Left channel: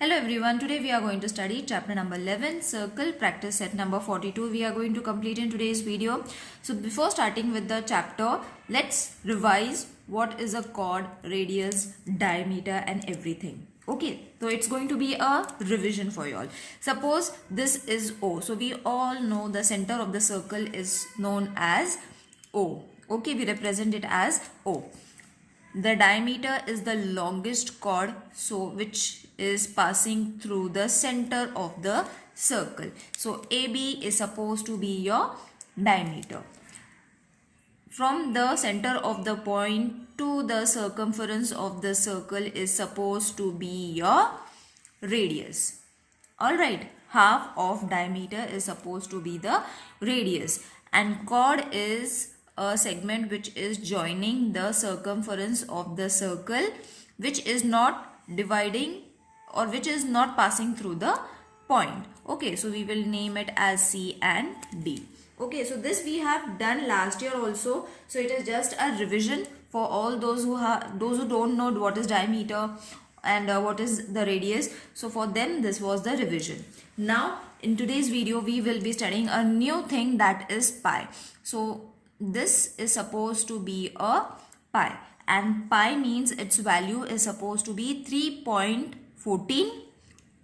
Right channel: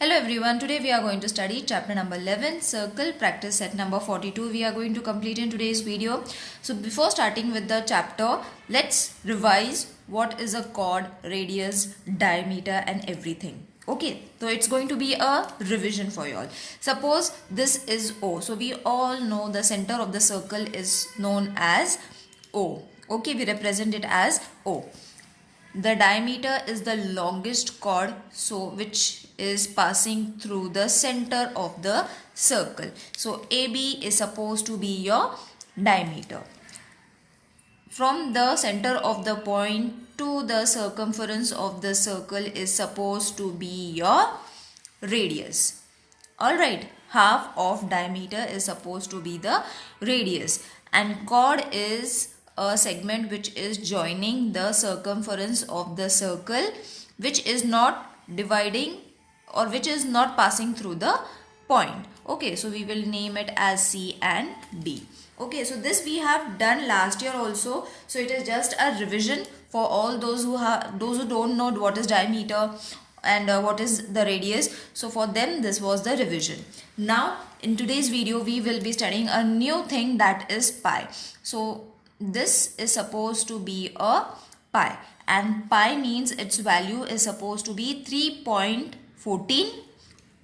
Hello everyone, today we are going to study chapter number 11, circle, practice set number 42 we are going to complete in today's video. So before starting with the chapter, let's revise what is a chord, radius, diameter and everything. Okay, so it's going to be a revision for you all. Suppose this is O. So we all know the center of the circle is known as O. Okay, we represent it as O. The diameter is the longest chord, so which is passing through the center of the circle. So AB is supposed to be your diameter. From the center of the point to the circumference of the circle is supposed to be your radius. Alright, half of diameter is supposed to be the radius, and chord is a segment which is joining the circumference of the circle, which is not dividing or which is not passing through the point. Okay, so we will name it as C and D. Okay, so this we have done last year also, so it is just a revision for all those who don't know what is diameter and what is the radius. So for them this was the revision. Now in today's video we will be studying a new thing, that is pi. So this is supposed to be a pi, and pi means its value is supposed to be 3.14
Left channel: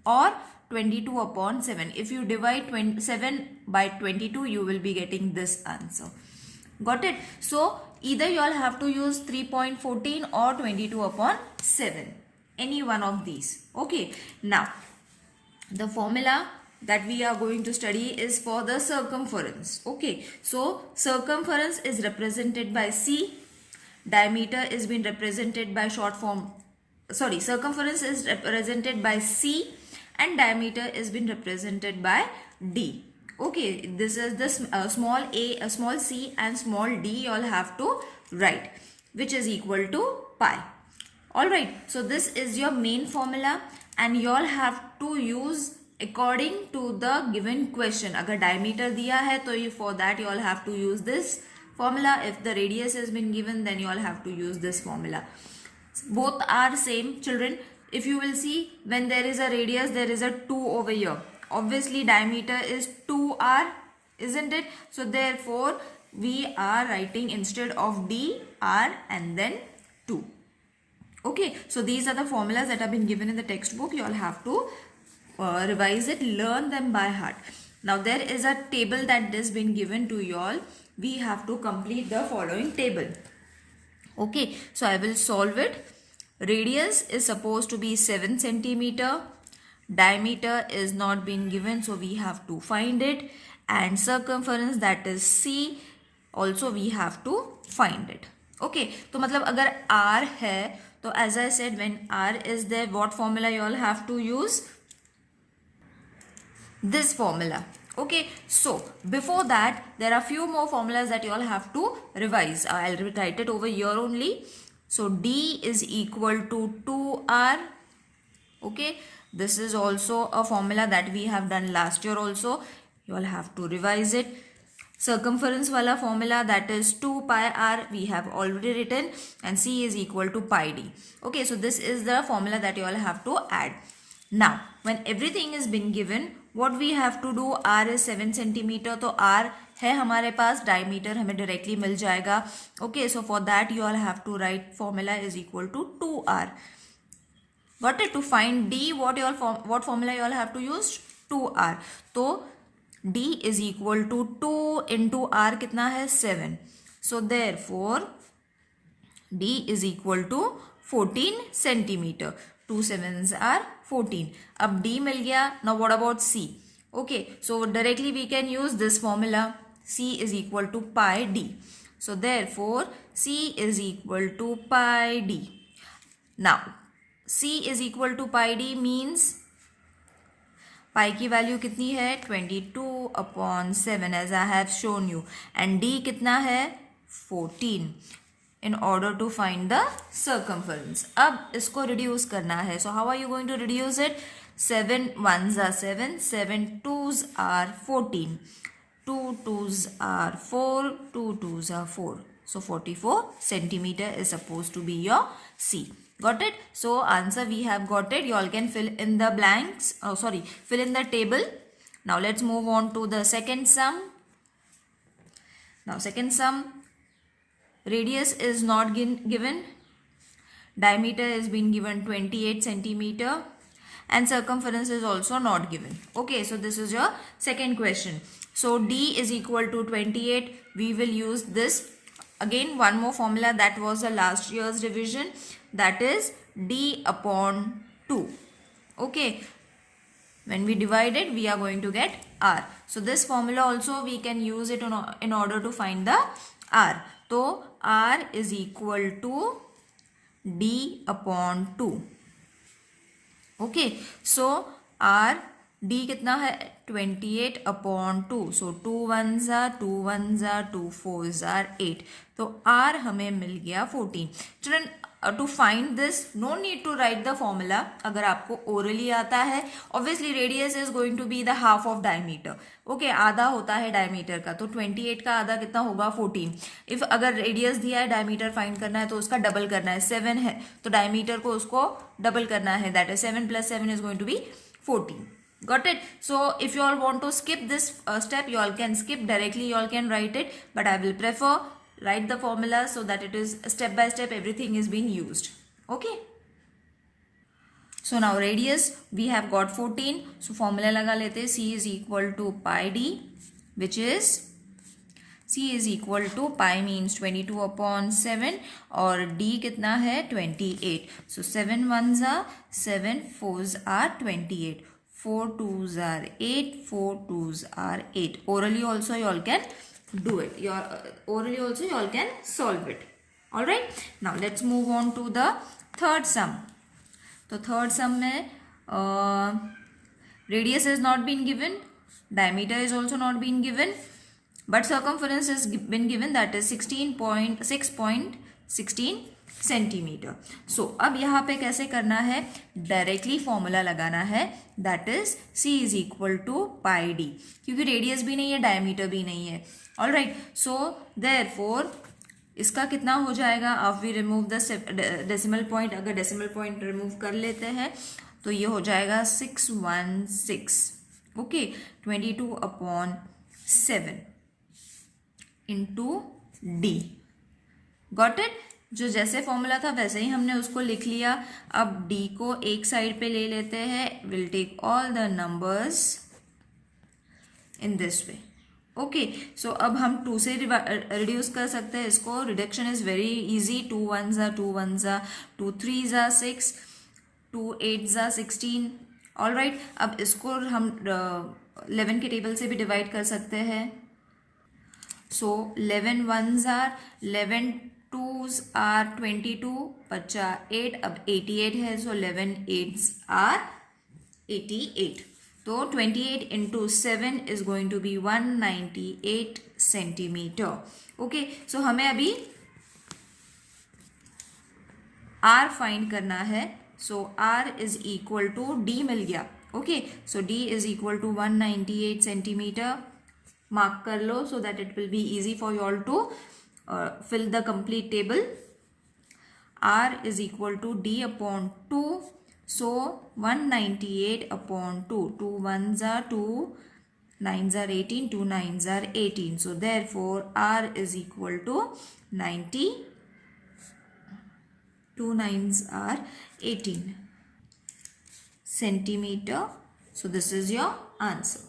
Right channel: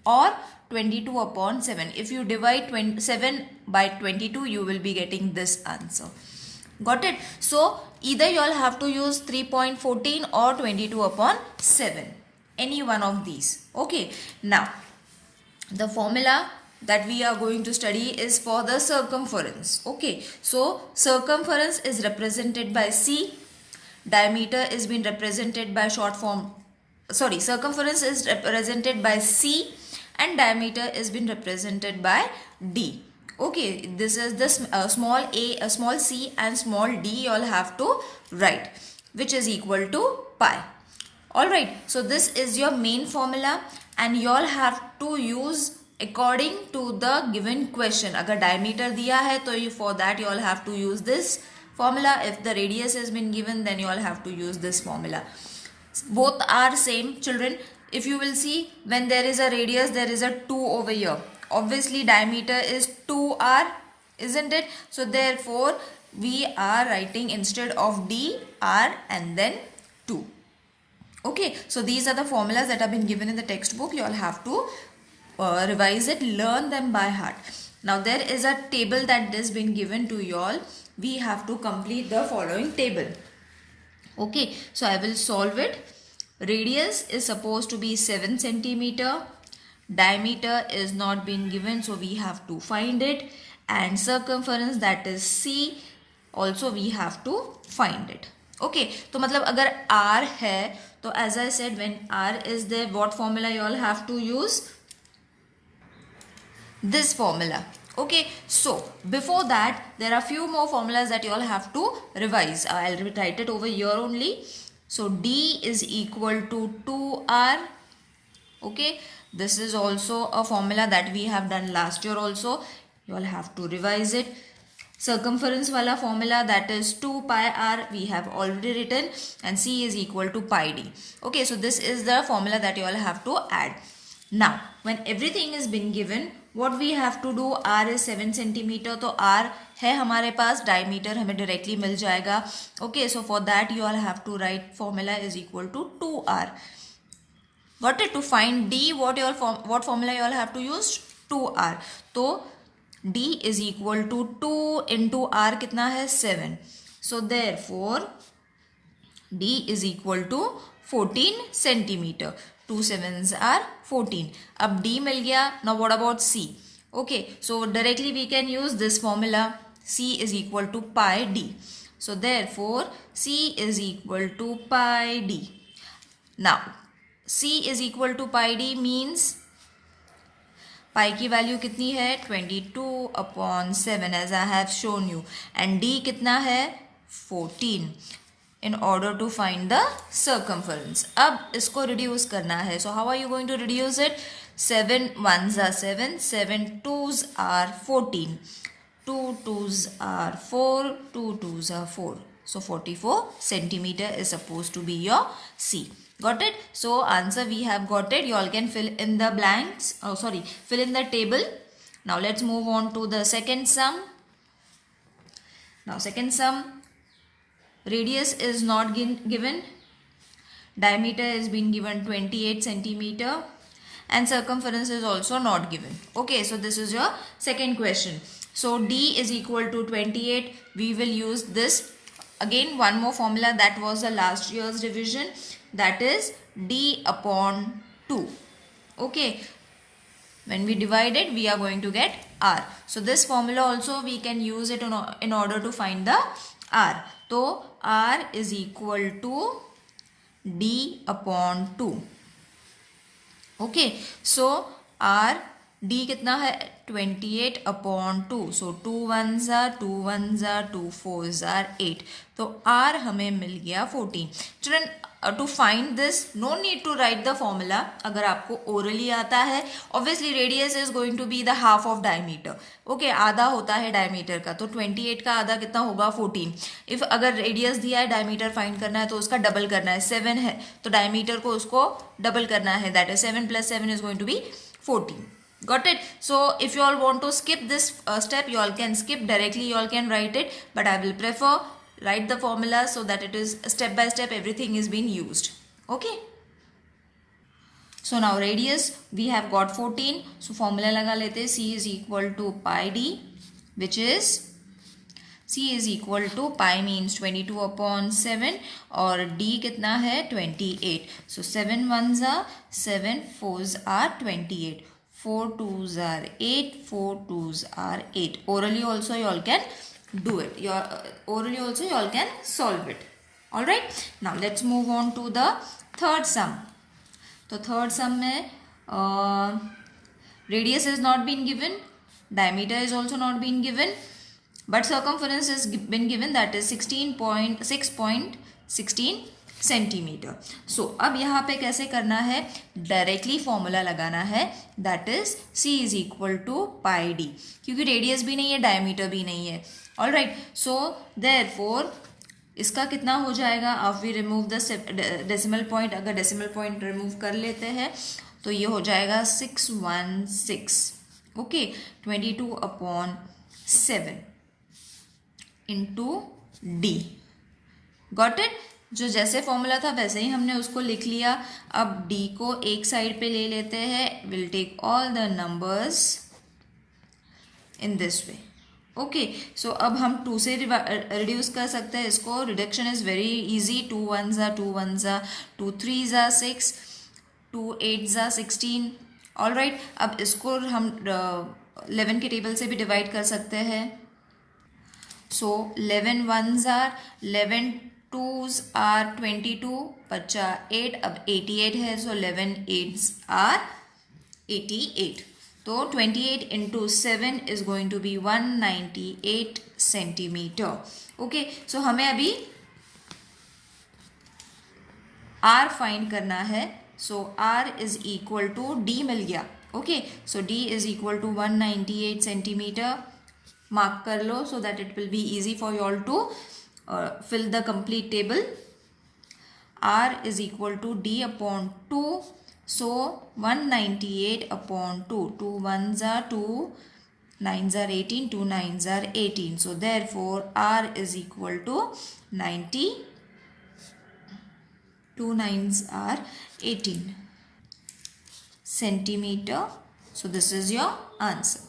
or 22 upon 7. If you divide 7 by 22, you will be getting this answer. Got it? So either you all have to use 3.14 or 22 upon 7. Any one of these. Okay. Now the formula that we are going to study is for the circumference. Okay, so circumference is represented by C, diameter is being represented by circumference is represented by C and diameter is being represented by D. Okay, this is the small a, small c and small d you all have to write, which is equal to pi. Alright, so this is your main formula and you all have to use according to the given question. Agar diameter diya hai, to for that you all have to use this formula. If the radius has been given, then you all have to use this formula. Both are same, children. If you will see, when there is a radius, there is a 2 over here. Obviously diameter is 2r, isn't it? So therefore we are writing instead of d, r and then 2. Okay, so these are the formulas that have been given in the textbook. You all have to revise it, learn them by heart. Now there is a table that has been given to you all. We have to complete the following table. Okay, so I will solve it. Radius is supposed to be 7 centimeter. Diameter is not been given, so we have to find it. And circumference, that is C, also we have to find it. Okay, so मतलब अगर R है, तो as I said, when R is there, what formula you all have to use? This formula. Okay, so before that there are few more formulas that you all have to revise. I'll write it over here only. So D is equal to 2R. Okay, this is also a formula that we have done last year also. You all have to revise it. Circumference wala formula, that is 2 pi r, we have already written, and C is equal to pi d. Okay, so this is the formula that you all have to add. Now when everything is been given, what we have to do, r is 7 centimeter, तो r है हमारे पास, diameter हमें directly मिल जाएगा. Okay, so for that you all have to write formula is equal to 2r. Got it? To find d, what formula you all have to use? 2r. तो d is equal to 2 into r कितना है? 7. So therefore d is equal to 14 centimeter. 2 sevens are 14. अब d मिल गया. Now what about c? Okay, so directly we can use this formula. C is equal to pi d. So therefore C is equal to pi d. Now C is equal to pi d means pi की value कितनी है? 22 upon 7 as I have shown you. And d कितना है? 14. In order to find the circumference. अब इसको reduce करना है. So how are you going to reduce it? 7 1s are 7, 7 2s are 14, 2 2s are 4, 2 2s are 4. So 44 centimeter is supposed to be your C. Got it? So answer we have got it. You all can fill in the blanks. Oh, sorry, fill in the table. Now let's move on to the second sum. Now second sum, radius is not given. Diameter is been given 28 centimeter and circumference is also not given. Okay, so this is your second question. So D is equal to 28. We will use this. Again, one more formula that was the last year's revision, that is D upon 2. Okay, when we divide it, we are going to get R. So this formula also we can use it in order to find the R. So R is equal to D upon 2. Okay, so R D कितना है 28 upon 2. So 2 1s are 2 1s are 2 4s are 8. तो R हमें मिल गया 14. Children, to find this no need to write the formula. अगर आपको orally आता है, obviously radius is going to be the half of diameter. Okay, आधा होता है diameter का, तो 28 का आधा कितना होगा 14. If अगर radius दिया है diameter find करना है तो उसका double करना है. 7 है तो diameter को उसको double करना है, that is 7 plus 7 is going to be 14. Got it? So if you all want to skip this step, you all can skip directly, you all can write it, but I will prefer write the formula so that it is step by step everything is being used. Okay, so now radius we have got 14. So formula लगा लेते, C is equal to pi d, which is C is equal to pi means 22 upon 7 और D कितना है 28. So 7 1s are 7, 4s are 28. 4 2s are 8, 4 2s are 8. Orally also you all can do it. Orally also you all can solve it. Alright. Now let's move on to the third sum. So third sum में radius is not been given, diameter is also not been given, but circumference has been given, that is 6.16 centimetre. So अब यहाँ पे कैसे करना है, directly formula लगाना है, that is C is equal to pi D, क्योंकि रेडियस भी नहीं है डायमीटर भी नहीं है. ऑलराइट, सो देयरफॉर इसका कितना हो जाएगा, अब we remove the decimal point. अगर डेसिमल पॉइंट रिमूव कर लेते हैं तो ये हो जाएगा 616. Okay, 22 upon 7 into D. Got it? जो जैसे फॉर्मूला था वैसे ही हमने उसको लिख लिया. अब d को एक साइड पे ले लेते हैं. Will take all the numbers in this way. Okay, so अब हम 2 से रिड्यूस कर सकते हैं इसको. Reduction is very easy. 2 1s are 2 1s are 2 3s are 6, 2 8s are 16. Alright, अब इसको हम 11 के टेबल से भी डिवाइड कर सकते हैं. सो 11 1s are 11, 2s are 22, 8, अब 88 है, सो 11 8s are 88. तो 28 into 7 is going to be 198 centimetre. Okay, so हमें अभी R फाइंड करना है. So R is equal to D मिल गया. Okay, so D is equal to 198 centimetre. Mark कर लो so that it will be easy for you all to fill the complete table. R is equal to D upon 2. So 198 upon 2. 2 1s are 2, 9s are 18, 2 9s are 18. So therefore R is equal to 90. 2 9s are 18 centimeter. So this is your answer.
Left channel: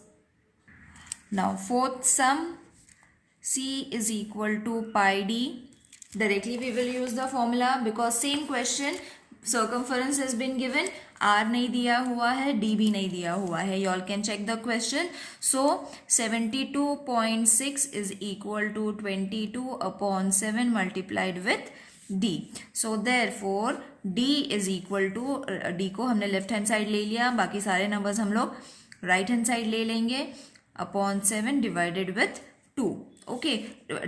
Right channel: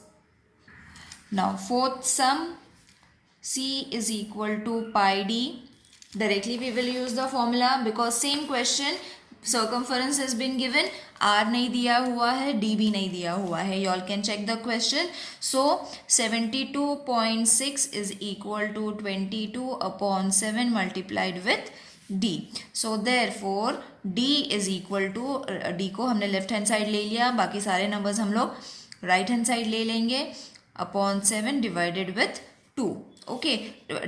Now fourth sum, C is equal to pi d. Directly we will use the formula because same question, circumference has been given, R नहीं दिया हुआ है, D भी नहीं दिया हुआ है. You all can check the question. So 72.6 is equal to 22 upon 7 multiplied with D. So therefore D is equal to, D को हमने लेफ्ट हैंड साइड ले लिया, बाकी सारे नंबर्स हम लोग राइट हैंड साइड ले लेंगे. Upon 7 divided with 2. Okay,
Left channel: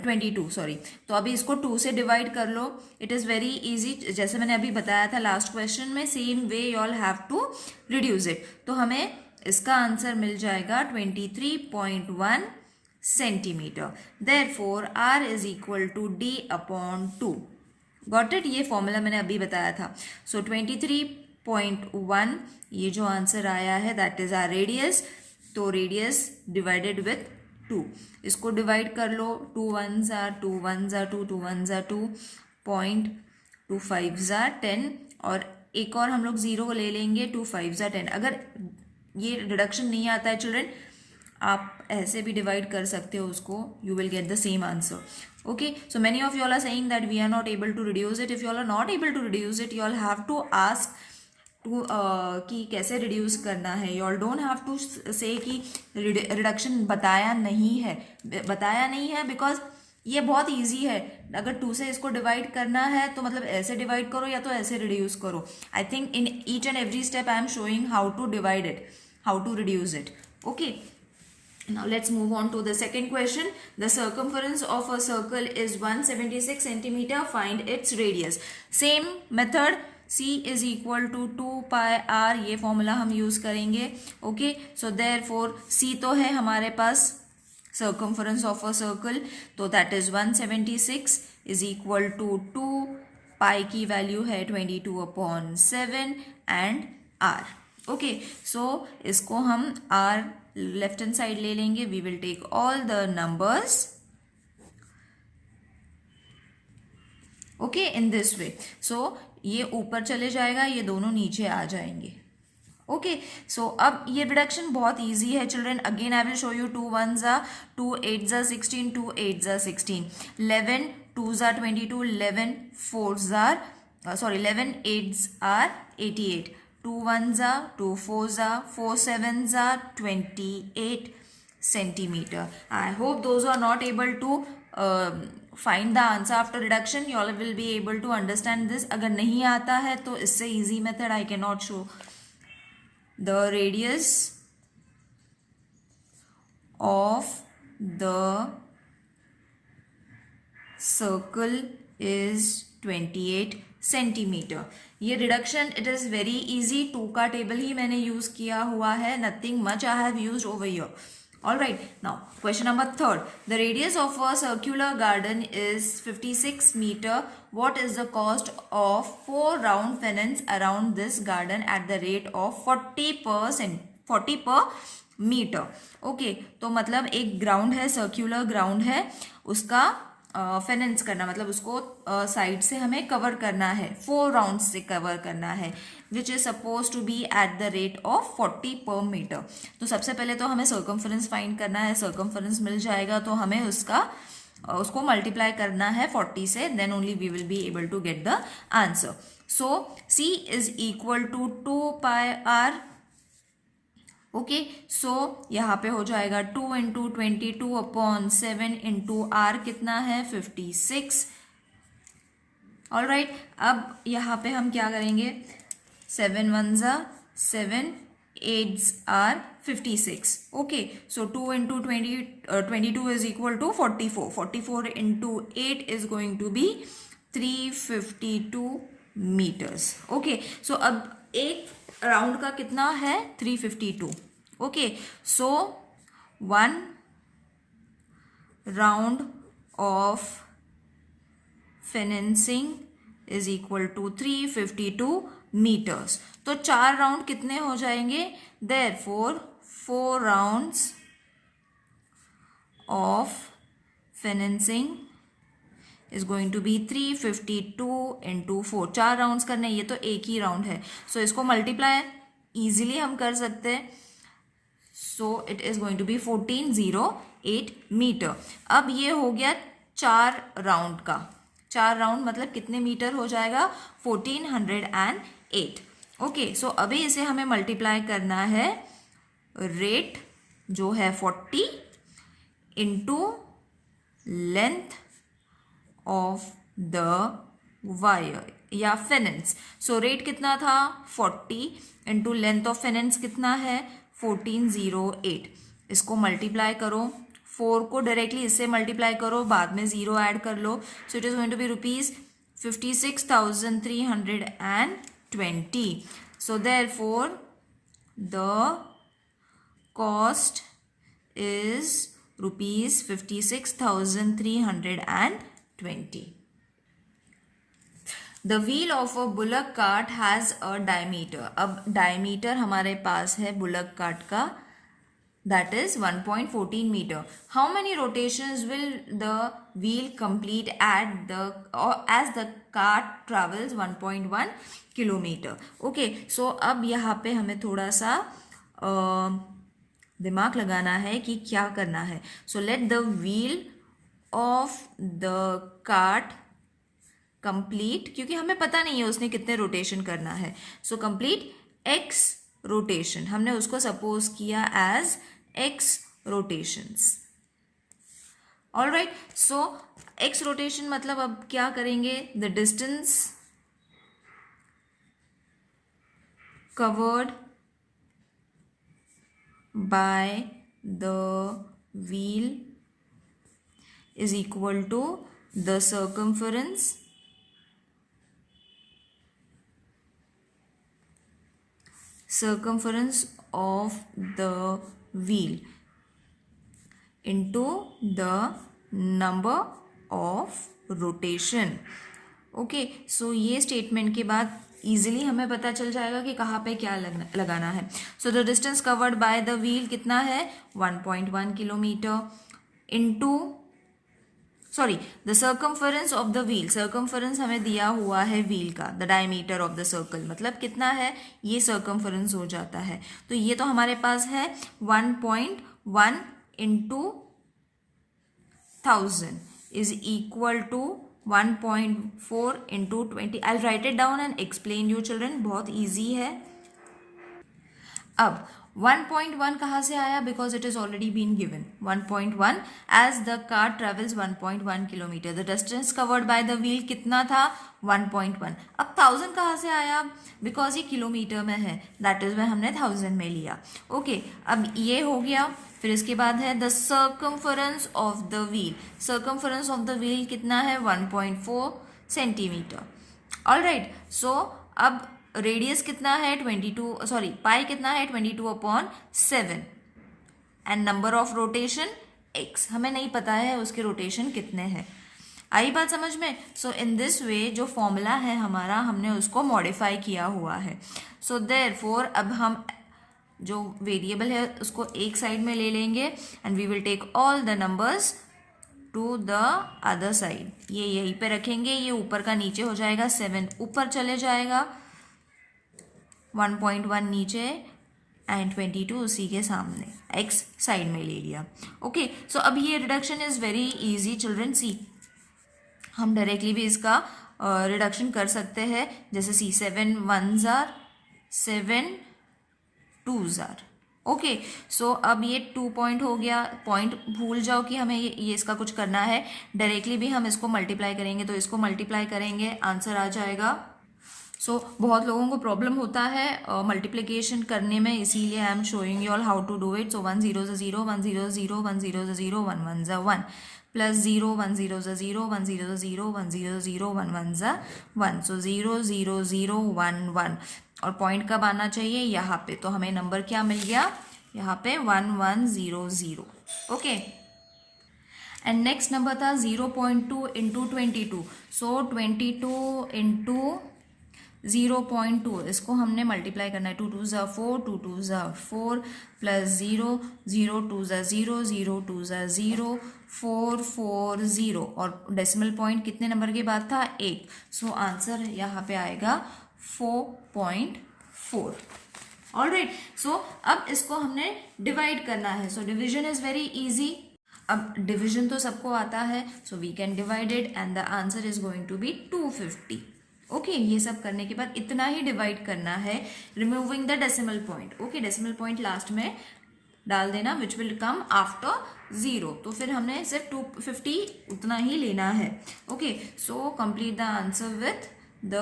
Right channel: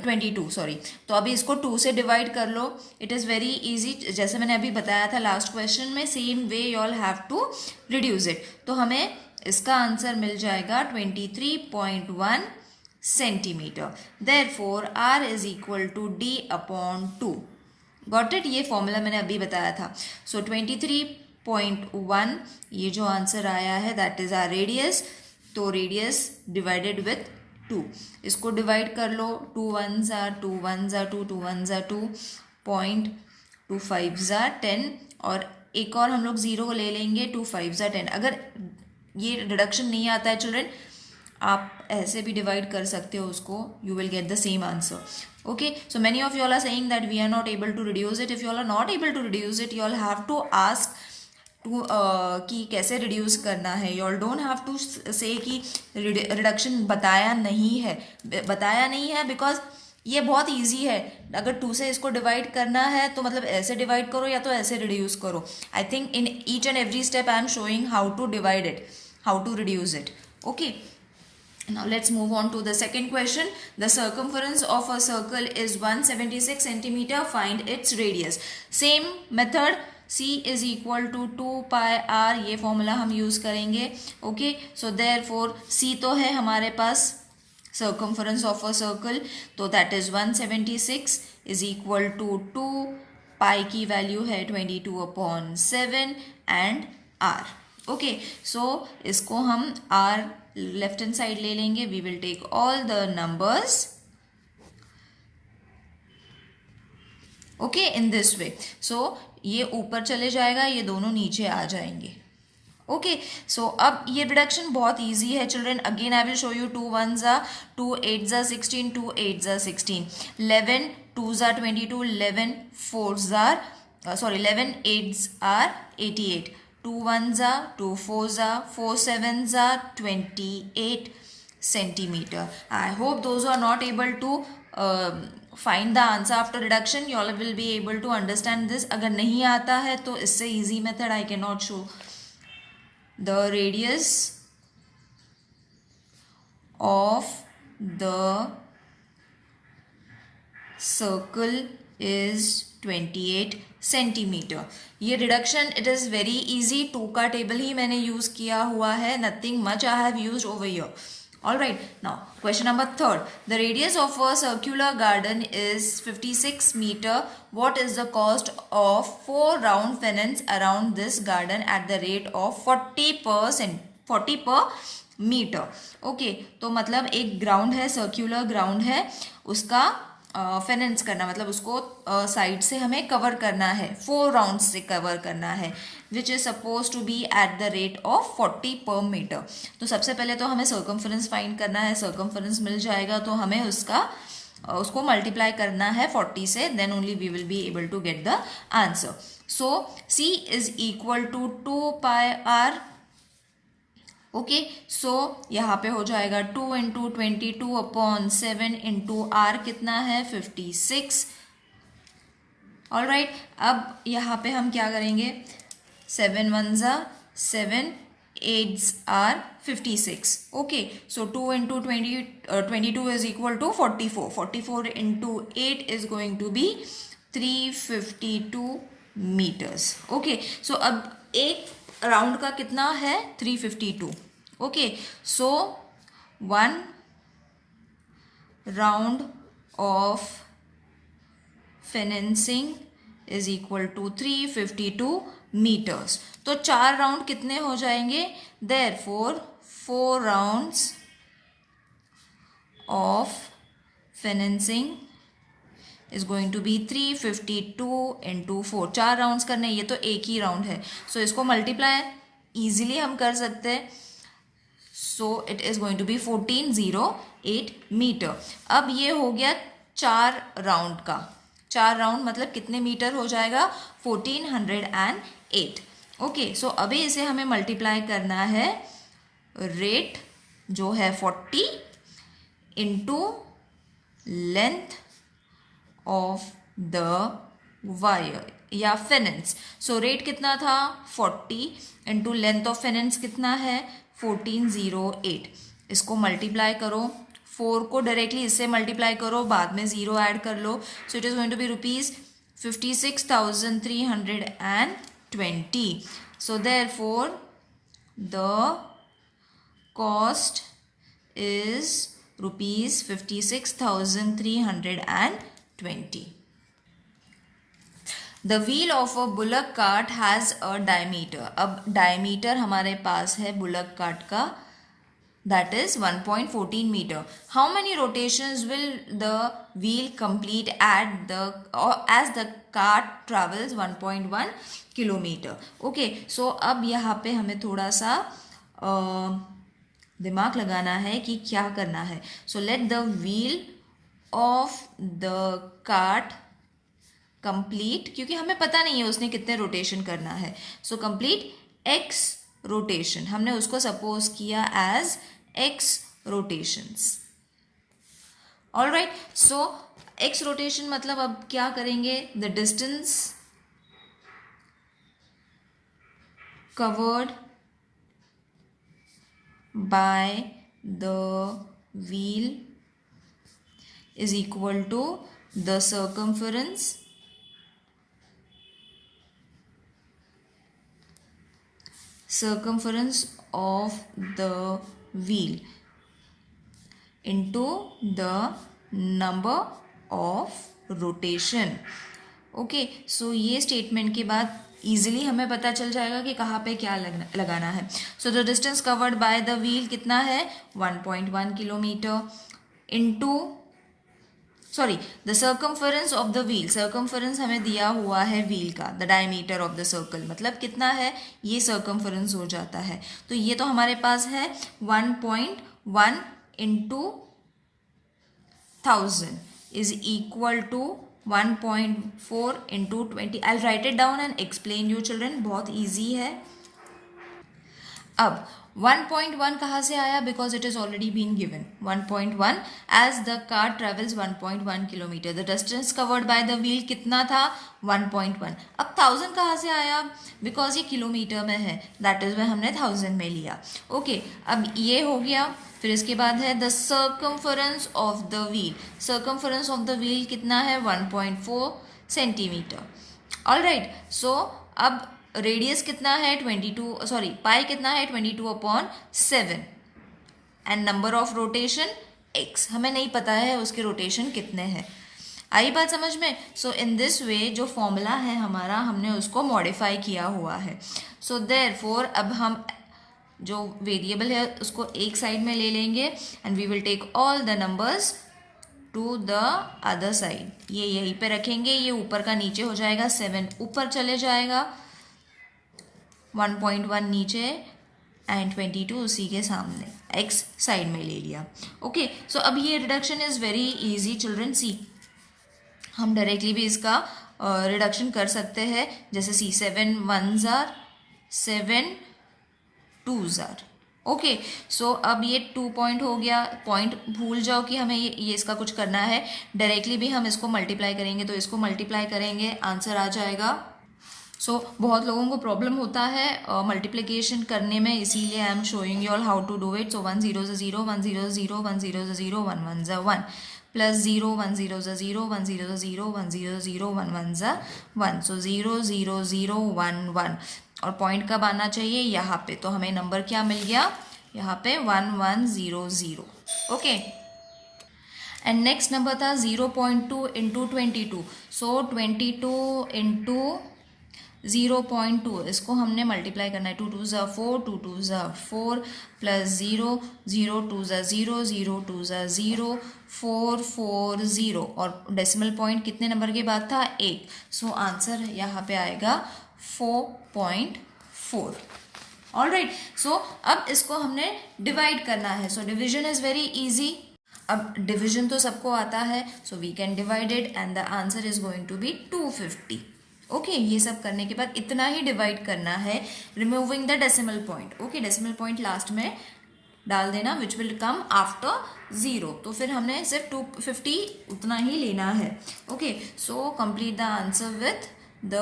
22 sorry. तो अभी इसको 2 से डिवाइड कर लो. इट इज़ वेरी इजी, जैसे मैंने अभी बताया था लास्ट क्वेश्चन में, same way you all have to reduce it. तो हमें इसका आंसर मिल जाएगा 23.1 centimetre. Therefore R is equal to D upon 2. Got it, ये फॉर्मूला मैंने अभी बताया था. सो 23.1 ये जो आंसर आया है दैट इज आर रेडियस. तो रेडियस डिवाइडेड विथ 2, इसको डिवाइड कर लो. 2 1s are 2 1s are 2 2 1s are 2 2 5s are 10 और एक और हम लोग 0 ले लेंगे. 2 5s are 10. अगर ये डिडक्शन नहीं आता है चिल्ड्रन, आप ऐसे भी डिवाइड कर सकते हो उसको, you will get the same answer. Okay, so many of you all are saying that we are not able to reduce it. If you all are not able to reduce it, you all have to ask to कि कैसे reduce करना है. You all don't have to say कि reduction बताया नहीं है because ये बहुत easy है. अगर 2 से इसको डिवाइड करना है तो मतलब ऐसे डिवाइड करो या तो ऐसे रिड्यूस करो. I think in each and every step I am showing how to divide it, how to reduce it. Okay. Now let's move on to the second question. The circumference of a circle is 176 centimeter. Find its radius. Same method. C is equal to 2 pi r. ये formula हम use करेंगे. Okay. So therefore C तो है हमारे पास circumference of a circle. तो that is 176 is equal to 2 pi की value है 22/7 and r. Okay, सो इसको हम r लेफ्ट हैंड साइड ले लेंगे. We will take all the numbers okay in this way. So ये ऊपर चले जाएगा, ये दोनों नीचे आ जाएंगे. ओके, सो अब ये रिडक्शन बहुत इजी है children. Again I will show you. 2 1s are 2 8s are 16 2 8s are 16 11 2s are 22 11 4s are 11 8s are 88 2 1s are 2 4s are 4 7s are 28 centimeter. I hope those who are not able to find the answer after reduction, you all will be able to understand this. अगर नहीं आता है तो इससे easy method I cannot show. The radius of the circle is 28 centimetre. ये reduction it is very easy. 2 का table ही मैंने यूज़ किया हुआ है. Nothing much I have used over here. All right, now question number 3. The radius of a circular garden is 56 meter. What is the cost of 4 round pennants around this garden at the rate of 40 per meter? Okay, तो मतलब एक ground है, circular ground है, उसका फेनेंस करना मतलब उसको side से हमें कवर करना है, 4 राउंड से कवर करना है, which is suppose to be at the rate of 40 per metre. तो सबसे पहले तो हमें सर्कमफरेंस फाइंड करना है. सर्कमफरेंस मिल जाएगा तो हमें उसको मल्टीप्लाई करना है 40 से, then only we will be able to get the answer. So C is equal to 2 pi R. Okay, so यहाँ पे हो जाएगा 2 × 22/7 × r कितना है 56. ऑलराइट, अब यहाँ पे हम क्या करेंगे, 7 1s are 7 8s are 56. Okay, so 2 × 22 is equal to 44. 44 × 8 is going to be 352 meters. Okay, so अब एक राउंड का कितना है 352. Okay, so 1 round of fencing is equal to 352 metres. तो 4 राउंड कितने हो जाएंगे, therefore 4 rounds of fencing is going to be 352 × 4. 4 rounds करने, ये तो एक ही राउंड है, सो इसको मल्टीप्लाई इजीली हम कर सकते हैं. So it is going to be 1408 metre. अब ये हो गया 4 राउंड का. 4 राउंड मतलब कितने मीटर हो जाएगा 1408. ओके, सो अभी इसे हमें मल्टीप्लाई करना है रेट जो है 40 into length of the wire या फेनेंस. सो रेट कितना था 40 इंटू लेंथ ऑफ फेनेंस कितना है 1408. इसको मल्टीप्लाई करो, 4 को डायरेक्टली इससे मल्टीप्लाई करो, बाद में 0 ऐड कर लो. So it is going to be rupees 56,320. So therefore the cost is rupees 56,320. The wheel of a bullock cart has a diameter. अब डायमीटर हमारे पास है बुलक कार्ट का, that is 1.14 meter. How many rotations will the wheel complete at the or as the cart travels 1.1 kilometer? Okay, so अब यहाँ पे हमें थोड़ा सा दिमाग लगाना है कि क्या करना है. So let the wheel of the cart complete, क्योंकि हमें पता नहीं है उसने कितने रोटेशन करना है. So complete x रोटेशन, हमने उसको सपोज किया as x rotations. All right, so x rotation मतलब अब क्या करेंगे, the distance covered by the wheel is equal to the circumference of the wheel into the number of rotation. Okay, so ये statement के बाद easily हमें पता चल जाएगा कि कहाँ पे क्या लगाना है. So the distance covered by the wheel कितना है, 1.1 kilometre into the circumference of the wheel. Circumference हमें दिया हुआ है व्हील का, the diameter of the circle मतलब कितना है, ये सर्कमफरेंस हो जाता है. तो ये तो हमारे पास है 1.1 into 1000 is equal to 1.4 into 20. I write it down and explain you children, बहुत ईजी है. अब 1.1 कहाँ से आया, because it is already been given. 1.1 as the car travels 1.1 kilometre, the distance covered by the wheel कितना था, 1.1. अब 1000 कहाँ से आया, बिकॉज ये किलोमीटर में है, दैट इज वह हमने 1000 में लिया. ओके, अब ये हो गया. फिर इसके बाद है the circumference of the wheel. Circumference of the wheel कितना है, 1.4 सेंटीमीटर. ऑल राइट, सो अब रेडियस कितना है, पाई कितना है, 22/7 and number of rotation x. हमें नहीं पता है उसके रोटेशन कितने हैं. आई बात समझ में. सो इन दिस वे जो फॉर्मूला है हमारा, हमने उसको मॉडिफाई किया हुआ है. सो देयरफॉर अब हम जो वेरिएबल है उसको एक साइड में ले लेंगे and we will take all the numbers to the other side. ये यहीं पे रखेंगे, ये ऊपर का नीचे हो जाएगा, 7 ऊपर चले जाएगा, 1.1 नीचे एंड 22 उसी के सामने, x साइड में ले लिया. ओके, सो अब ये reduction is very easy children. See हम डायरेक्टली भी इसका रिडक्शन कर सकते हैं, जैसे see 7 1s are 7 2s are. Okay, so अब ये 2 पॉइंट हो गया. पॉइंट भूल जाओ कि हमें ये इसका कुछ करना है. डायरेक्टली भी हम इसको मल्टीप्लाई करेंगे, तो इसको मल्टीप्लाई करेंगे, आंसर आ जाएगा. सो बहुत लोगों को प्रॉब्लम होता है मल्टीप्लिकेशन करने में, इसीलिए I am showing you all how to do it. So 1 0 0 1 0 0 1 0 0 1 1 1 plus 0 1 0 0 1 0 0 1 0 0 1 1 1. सो 0 0 0 1 1 और पॉइंट कब आना चाहिए, यहाँ पे. तो हमें नंबर क्या मिल गया यहाँ पे, 1 1 0 0. ओके, एंड नेक्स्ट नंबर था 0.2 इंटू 22. सो 22 इंटू 0.2, इसको हमने मल्टीप्लाई करना है. 2 2 ज़ा 4, 2 2 ज़ा 4 प्लस 0 0 2 ज़ा 0 0 2 ज़ा 0 4 4 0 और डेसिमल पॉइंट कितने नंबर के बाद था, 1. सो आंसर यहाँ पे आएगा 4.4. ऑल राइट, सो अब इसको हमने डिवाइड करना है. So division is very easy. अब डिविजन तो सबको आता है, so we can divide it and the answer is going to be 250. Okay, ये सब करने के बाद इतना ही डिवाइड करना है, removing the decimal point. Okay, decimal point last में डाल देना, विच विल कम आफ्टर 0. तो फिर हमने सिर्फ 250 उतना ही लेना है. Okay, so complete the answer with the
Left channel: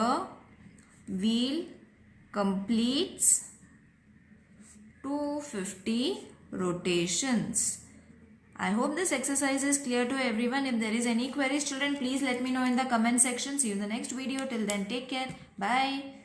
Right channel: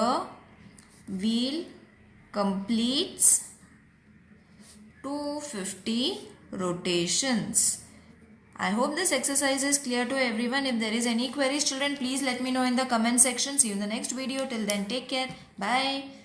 wheel completes 250 rotations. I hope this exercise is clear to everyone. If there is any queries, children, please let me know in the comment section. See you in the next video. Till then, take care. Bye.